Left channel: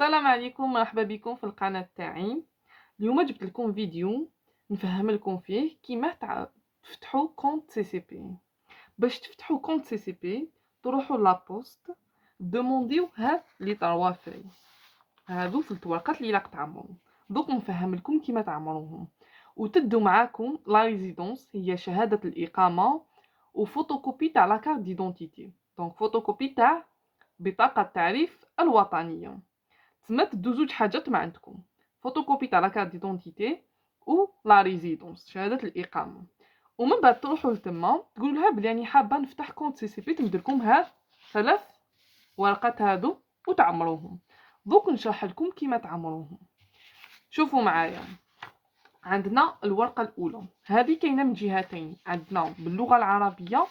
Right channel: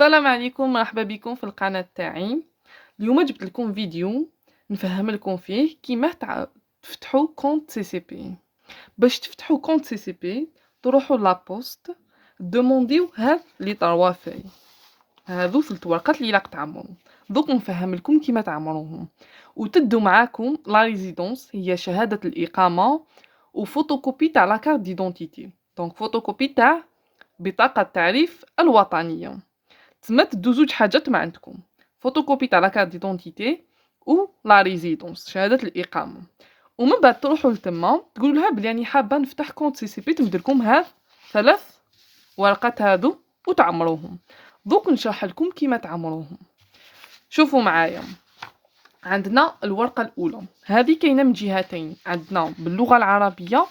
السلام عليكم، مرحبا بكم في القناة تاعي. اليوم جبت لكم فيديو نفهم لكم فيه كيما تفتحوا كونت سي سي بي. باش تفتحوا كونت سي سي بي تروحوا لابوست دومونديو هاد لي طروا فاي، هادو 3 ورقات اللي راك تعمروا. دوك نفهم لكم كيما تعمروهم، وتدوا معاكم لا ريزيدونس هي شهادة الإقامة وفوتوكوبي تاع لا كارت ديدونتيتي، دونك فوتوكوبي تاع بطاقة التعريف الوطنية. تما تدو زوج حاجات ما عندكم، فوتوكوبي تاع لا كارت ديدونتيتي و لا ريزيدونس شهادة الإقامة. ومن بعد تروحوا لتما تقولوا لها بلي راني حابة نفتح كونت سي سي بي، تمدلكم هاد 3 ورقات هادو وتعمروهم. دوك نشرح لكم كيما تعمروهم. شوفوا معايا، عندنا الورقة الأولى هذه كاينة من جهتين، عندنا باللغة العربية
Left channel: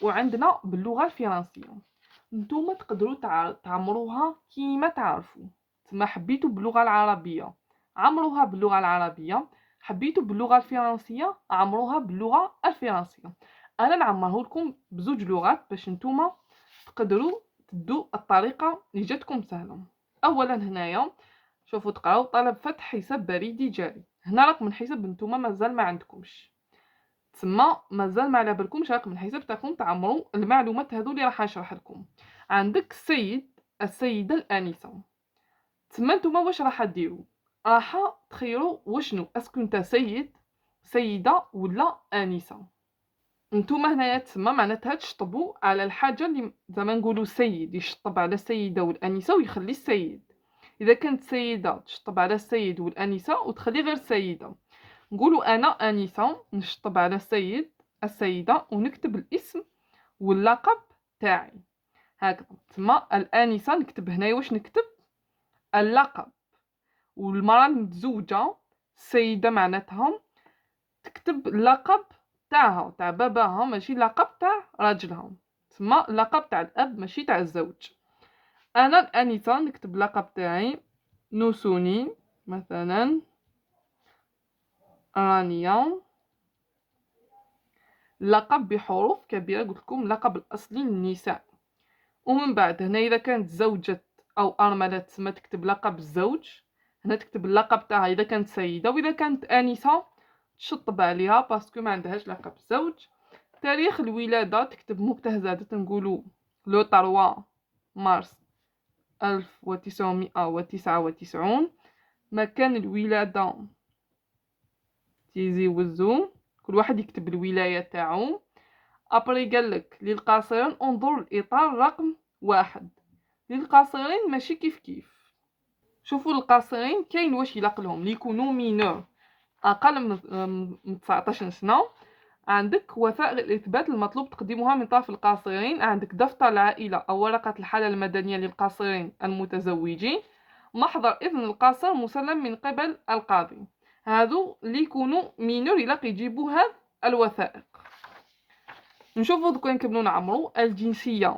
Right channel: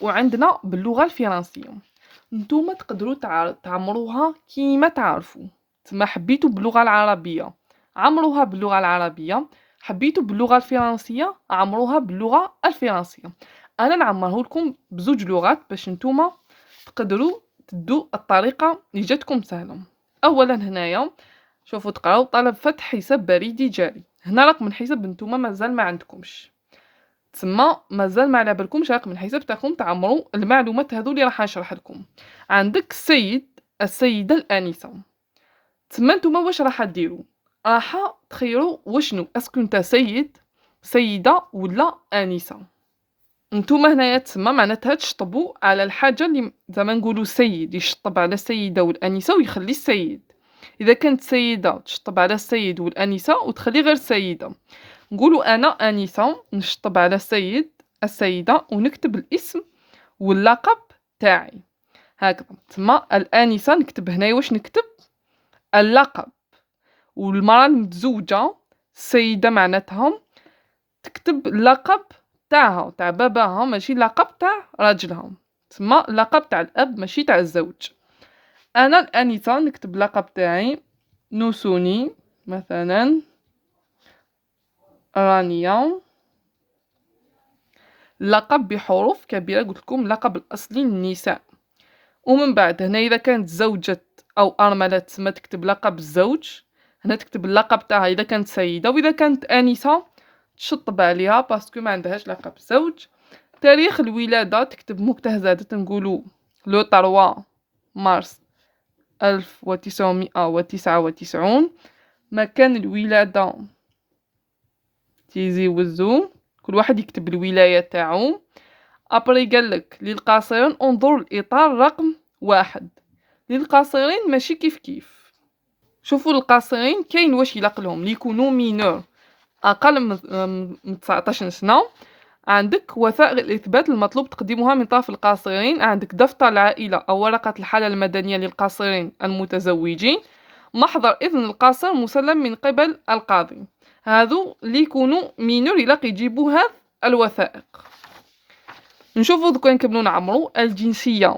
وعندنا باللغة الفرنسية. نتوما تقدروا تعمروها كيما تعرفوا. تما حبيتوا باللغة العربية عمروها باللغة العربية، حبيتوا باللغة الفرنسية عمروها باللغة الفرنسية. أنا نعمره لكم بزوج لغات باش نتوما تقدروا تدوا الطريقة اللي جاتكم سهلة. أولا هنايا شوفوا تقراو طلب فتح حساب بريدي جاري، هنا رقم الحساب نتوما مازال ما عندكمش، تسمى مازال ما على بالكمش رقم الحساب تاعكم تعمروا المعلومات هذو اللي راح نشرح لكم. عندك السيد السيدة الآنسة، تسمى نتوما واش راح ديروا؟ راح تخيروا وشنو اسكو نتا سيد سيدة ولا آنسة. نتوما هنايا تسمى معناتها تشطبوا على الحاجة اللي زعما نقولوا سيد يشطب على السيدة والآنسة ويخلي السيد. إذا كانت سيدة تشطب على السيد والآنسة وتخلي غير السيدة. نقولوا أنا آنسة نشطب على السيد السيدة ونكتب الاسم واللقب تاعي هكذا. تما الآنسة نكتب هنايا واش نكتب؟ اللقب. والمرأة المتزوجة السيدة معناتها تكتب اللقب تاعها تاع باباها، ماشي اللقب تاع راجلها، تما اللقب تاع الأب ماشي تاع الزوج. أنا الآنسة نكتب اللقب تاعي نوسوني مثلا رانيا، لقب بحروف كبيرة قلت لكم لقب الأصلي للنساء. ومن بعد هنا إذا كانت زوجة أو أرملة تسمى تكتب لقب الزوج، هنا تكتب اللقب تاعها إذا كانت سيدة، وإذا كانت آنسة تشطب عليها باسكو ما عندهاش لقب زوج. تاريخ الولادة تكتب مجتهزات نقولو لو 3 مارس 1999. مكان الولادة تيزي وزو، كل واحد يكتب الولاية تاعو. ابري قالك للقاصرين انظر الإطار رقم 1. للقاصرين ماشي كيف كيف. شوفوا القاصرين كاين واش يلقلهم اللي يكونوا مينور أقل من 19 سنة. عندك وثائق الإثبات المطلوب تقديمها من طرف القاصرين، عندك دفتر العائلة أو ورقة الحالة المدنية للقاصرين المتزوجين، محضر إذن القاصر مسلم من قبل القاضي. هذو اللي يكونوا مينور يلاقي يجيبوا هذه الوثائق. نشوفوا دوكا نكملوا نعمروا الجنسية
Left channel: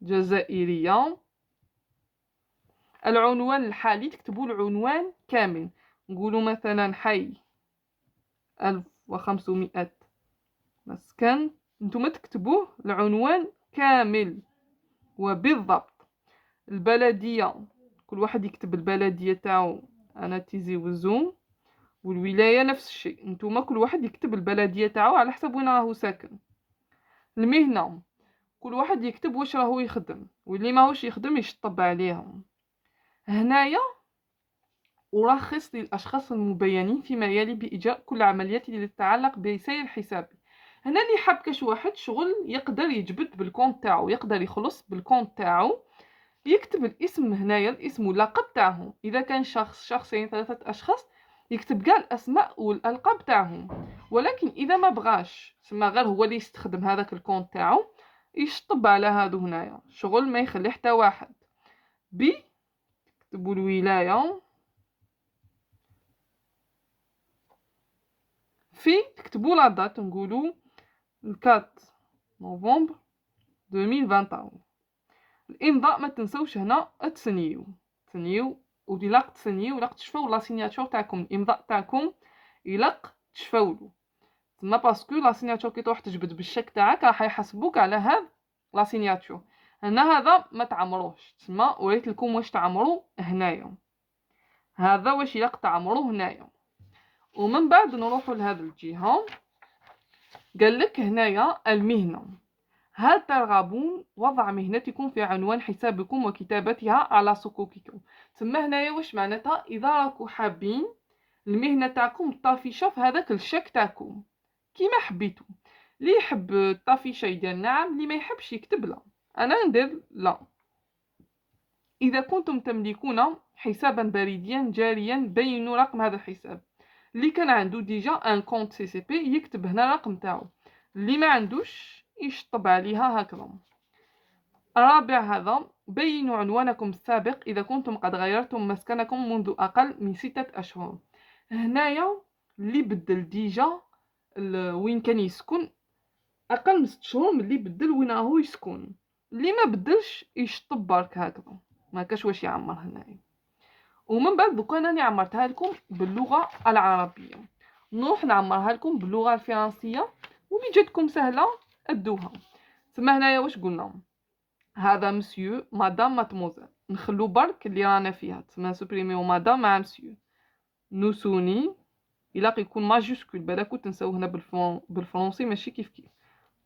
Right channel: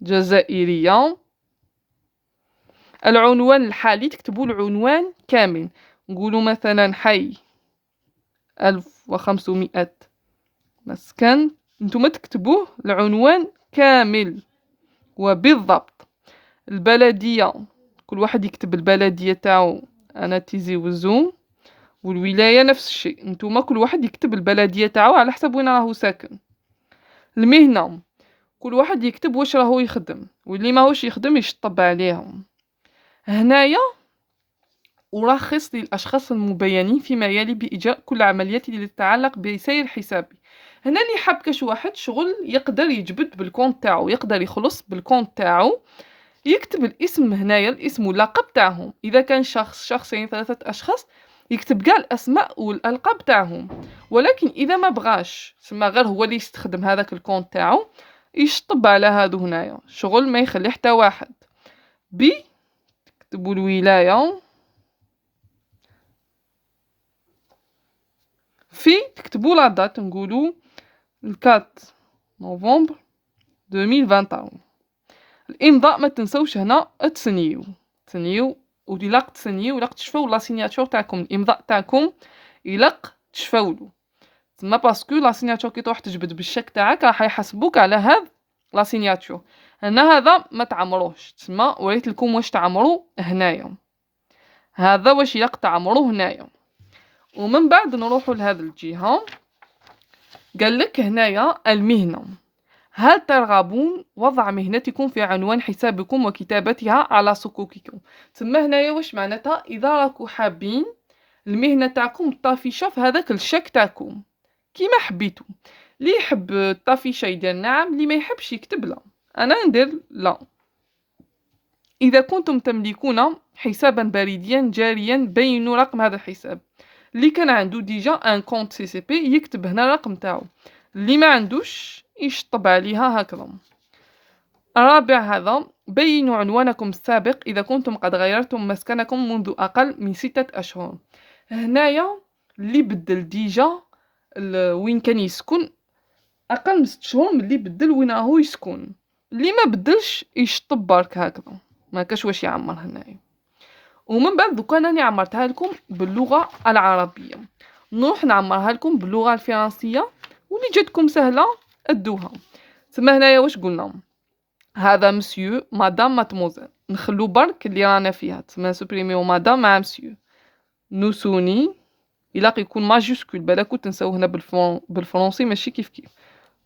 جزائرية. العنوان الحالي تكتبوا العنوان كامل، نقولوا مثلا حي 1500 مسكن، نتوما تكتبوه العنوان كامل وبالضبط. البلدية كل واحد يكتب البلدية تاعو، أنا تيزي وزو. والولاية نفس الشيء، نتوما كل واحد يكتب البلدية تاعو على حسب وين راهو ساكن. المهنة كل واحد يكتب واش راهو يخدم، واللي ماهوش يخدم يشطب عليهم. هنايا أرخص للأشخاص المبينين فيما يلي بإجراء كل العمليات التي تتعلق بسير حسابي. هنا اللي حاب كاش واحد شغل يقدر يجبد بالكونت تاعو، يقدر يخلص بالكونت تاعو، يكتب الاسم هنايا، الاسم واللقب تاعهم. إذا كان شخص شخصين 3 أشخاص يكتب كاع الأسماء والألقاب تاعهم. ولكن إذا ما بغاش سما غير هو اللي يستخدم هذاك الكونت تاعو يشطب على هادو هنايا شغل ما يخلي حتى واحد. بي تكتبوا الولاية، في تكتبوا لا دات نقولوا 4 نوفمبر 2021. الامضاء ما تنسوش هنا تسنيو وإلا تسنيو إلا تشفاو لا سيناتور تاعكم، الامضاء تاعكم إلا تشفاولو تما باسكو لا سيناتور كي تروح تجبد بالشك تاعك راح يحاسبوك على هاد لا سيناتور. هنا هذا ما تعمروش، تسمى وريت لكم واش تعمروا هنايا. هذا واش يلق تعمروا هنايا. ومن بعد نروحوا لهذه الجهه. قال لك هنايا المهنه. هل ترغبون وضع مهنتكم في عنوان حسابكم وكتابتها على صكوككم؟ تسمى هنايا واش معناتها اذا راكو حابين المهنه تاعكم طافشه في هذاك الشك تاعكم كيما حبيتو. اللي يحب الطافشه يدير نعم، اللي ما يحبش يكتب لا. انا ندير لا. اذا كنتم تملكون حسابا بريديا جاريا بينوا رقم هذا الحساب. اللي كان عنده ديجا ان كونت سي سي بي يكتب هنا الرقم تاعو، اللي ما عندوش يشطب عليها هكذا. الرابع هذا بينوا عنوانكم السابق إذا كنتم قد غيرتم مسكنكم منذ أقل من 6 أشهر. هنايا اللي بدل ديجا وين كان يسكن أقل من 6 شهور من اللي بدل وين راهو يسكن. اللي ما بدلش يشطب برك هكذا، ما كاش واش يعمر هنايا. ومن بعد دوكا راني عمرتها لكم باللغة العربية، نروح نعمرها لكم باللغة الفرنسية واللي جاتكم سهلة ادوها. تما هنايا واش قلنا؟ هذا مسيو مدام ماتموزيل، نخلو برك اللي رانا فيها، تسمى سوبريميو مدام مع مسيو. نوسوني إلا يكون ماجيسكول بالك تنساو هنا بالفرنسي ماشي كيف كيف.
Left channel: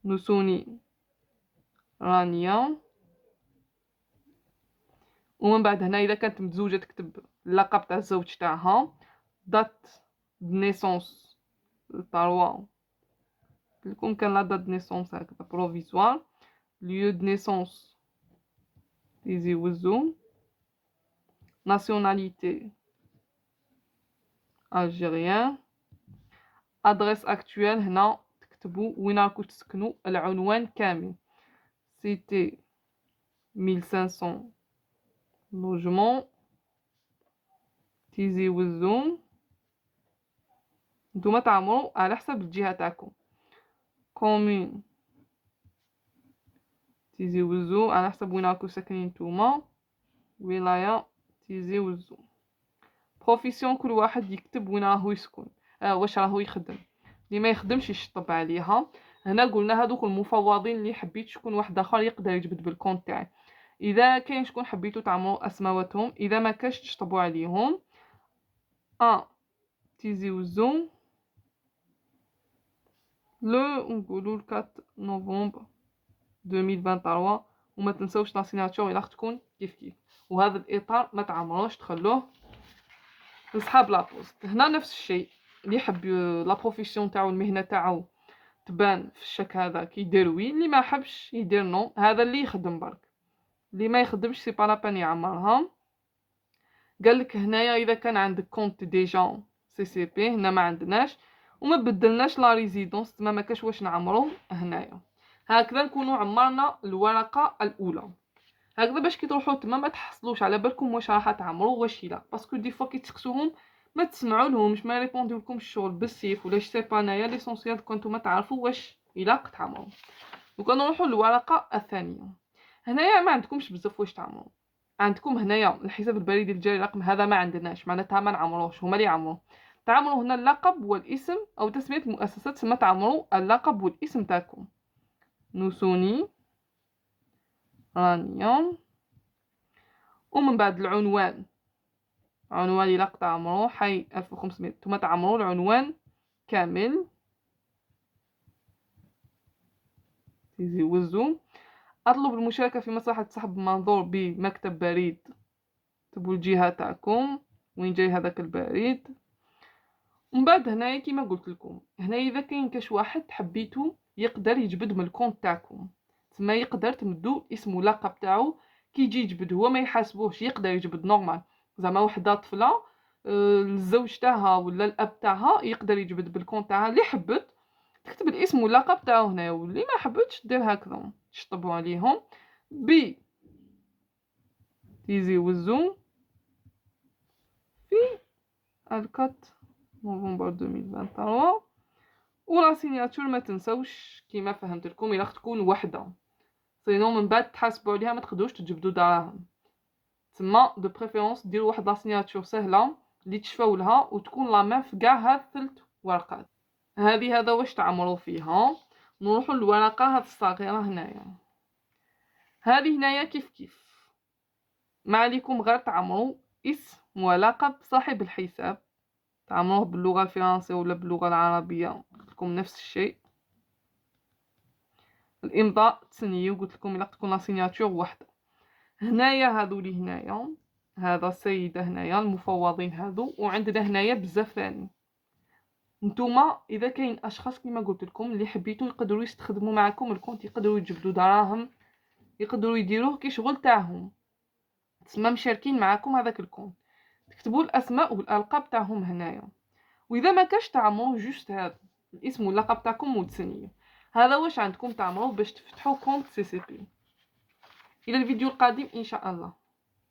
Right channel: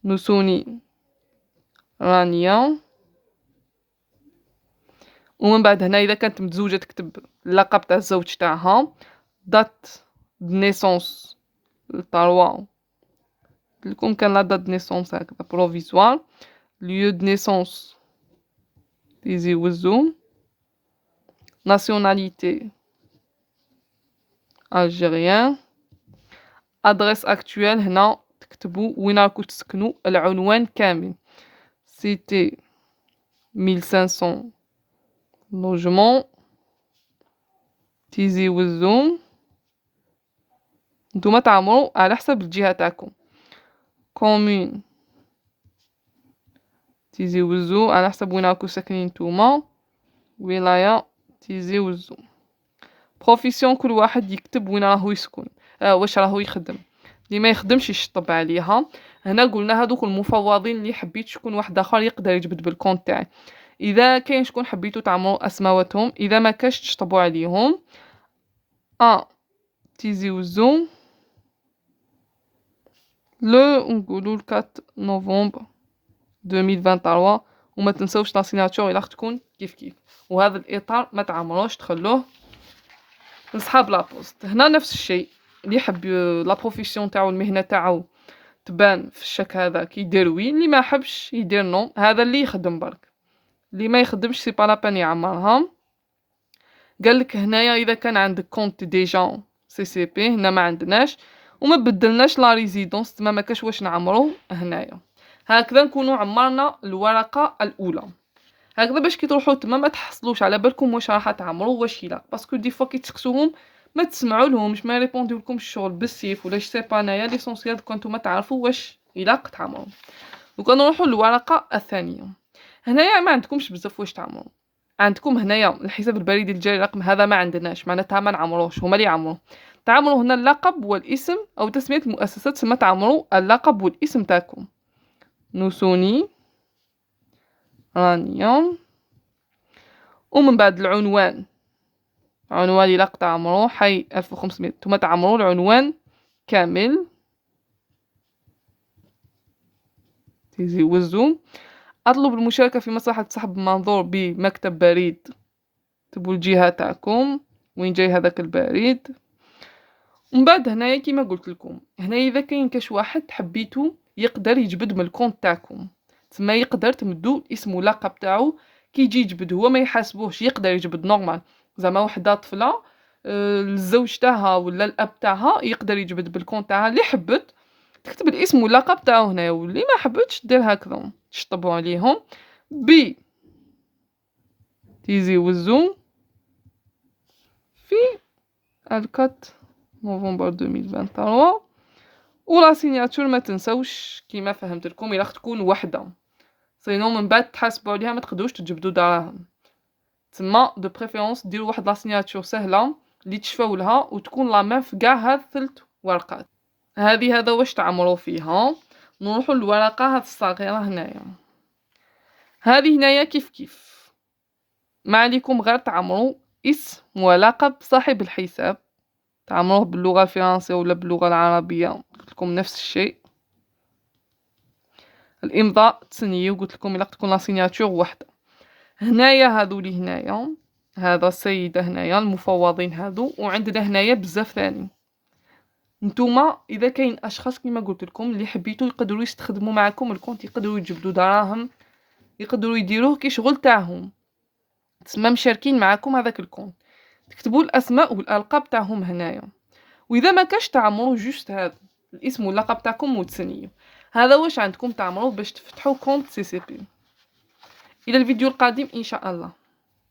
نوسوني رانيا. ومن بعد هنا إذا كانت متزوجة تكتب اللقب تاع الزوج تاعها، دات نيسونس الطروا لكم كان لا دات نيسونس هكذا بروفيسوار. ليو دو نيسونس تيزي وزو. ناسيوناليتي الجيريان. ادريس اكتويل هنا تكتبوا وين راكو تسكنوا العنوان كامل. سيتي 1500 لوجمون تيزي وزو. نتوما تعمروا على حسب الجهه تاعكم. كومون تيزي وزو على حسب وين راكو ساكنين نتوما. ولايه تيزي وزو. بروفيسيون كل واحد يكتب وين راهو يسكن، واش راهو يخدم. اللي ما يخدمش يشطب عليها. هنا قلنا هذوك المفوضين اللي حبيت شكون واحد اخر يقدر يجبد بالكونت تاعي. اذا كاين شكون حبيتو تعمروا اسماواتهم، اذا ما كاش تشطبوا عليهم. تيزي وزو لو نقولوا 4 نوفمبر 2023. وما تنسوش لا سيناتور الا تكون كيف كيف. وهذا الاطار ما تعمروش تخلوه لصحاب لابوست. هنا نفس الشيء، اللي يحب لا بروفيسيون تاعو المهنه تاعو تبان في الشك هذا كيدير وي، اللي ما حبش يدير نو. هذا اللي يخدم برك، اللي ما يخدمش سي با لابان يعمرها. قال لك هنايا اذا كان عندك كونت ديجا سي سي بي، هنا ما عندناش وما بدلناش لا ريزيدونس، تما ما كاش واش نعمرو هنايا. هكذا نكونوا عمرنا الورقه الاولى. هكذا باش كي تروحوا تما ما تحصلوش على بالكم واش راح تعمروا واش لا، باسكو دي فوا كي تسكسوهم ما تسمعوا لهمش، ما يريبونديو لكم الشغل بالسيف ولا سي با. انايا ليسونسيال كنتو ما تعرفوا واش الا تعمروا. دوكا نروحوا للورقه الثانيه. هنايا ما عندكمش بزاف واش تعمروا. عندكم هنايا الحساب البريدي الجاري رقم، هذا ما عندناش معناتها ما نعمروش، هما اللي يعمروا. تعمروا هنا اللقب والاسم او تسميه المؤسسات، تسمى تعمروا اللقب والاسم تاعكم. نوسوني رانيا. ومن بعد العنوان، عنوان إلا تعمروا حي 1500، نتوما تعمروا العنوان كامل. تيزي وزو. اطلب المشاركه في مصلحه سحب منظور بمكتب بريد، تبوا الجهه تاعكم وين جاي هذاك البريد. ومن بعد هنايا كيما قلت لكم، هنايا اذا كاين كاش واحد حبيتو يقدر يجبد من الكونت تاعكم، تما يقدر تمدو اسم ولقب تاعو كي يجي يجبد هو ما يحاسبوش، يقدر يجبد نورمال. زعما وحده طفله الزوج تاعها ولا الاب تاعها يقدر يجبد بالكونت تاعها. اللي حبت تكتب الاسم واللقب تاعو هنا، واللي ما حبتش دير هكذا تشطبوا عليهم بي تيزي وزو في 4 نوفمبر 2023. ولا سيناتور ما تنسوش كيما فهمت لكم الا تكون وحده، سينو من بعد تحاسبوا عليها ما تقدروش تجبدوا دراهم. تما دو بريفيرونس ديروا واحد لا سيناتور سهله اللي تشفاو لها وتكون لا ميم في كاع هاد 3 ورقات. هذا واش تعمروا فيها. نروحوا للورقه هاد الصغيره هنايا. هذه هنايا كيف كيف، ما عليكم غير تعمروا اسم ولقب صاحب الحساب، تعمروه باللغة الفرنسية ولا باللغة العربية قلت لكم نفس الشيء. الامضاء تسنيو، قلت لكم الا تكون لا سيناتور وحده. هنايا هادو لي هنايا، هذا السيدة هنايا المفوضين هادو، وعندنا هنايا بزاف ثاني. نتوما اذا كاين اشخاص كما قلت لكم اللي حبيتو يقدروا يستخدموا معكم الكونت، يقدروا يجبدوا دراهم، يقدروا يديروه كي شغل تاعهم، تسمى مشاركين معكم هذاك الكونت، تكتبوا الاسماء والالقاب تاعهم هنايا. واذا ما كاش تعمروا جوست هذا الاسم واللقب تاعكم وتسنيو. هذا واش عندكم تعمروا باش تفتحوا كونت سي سي بي. الى الفيديو القادم ان شاء الله.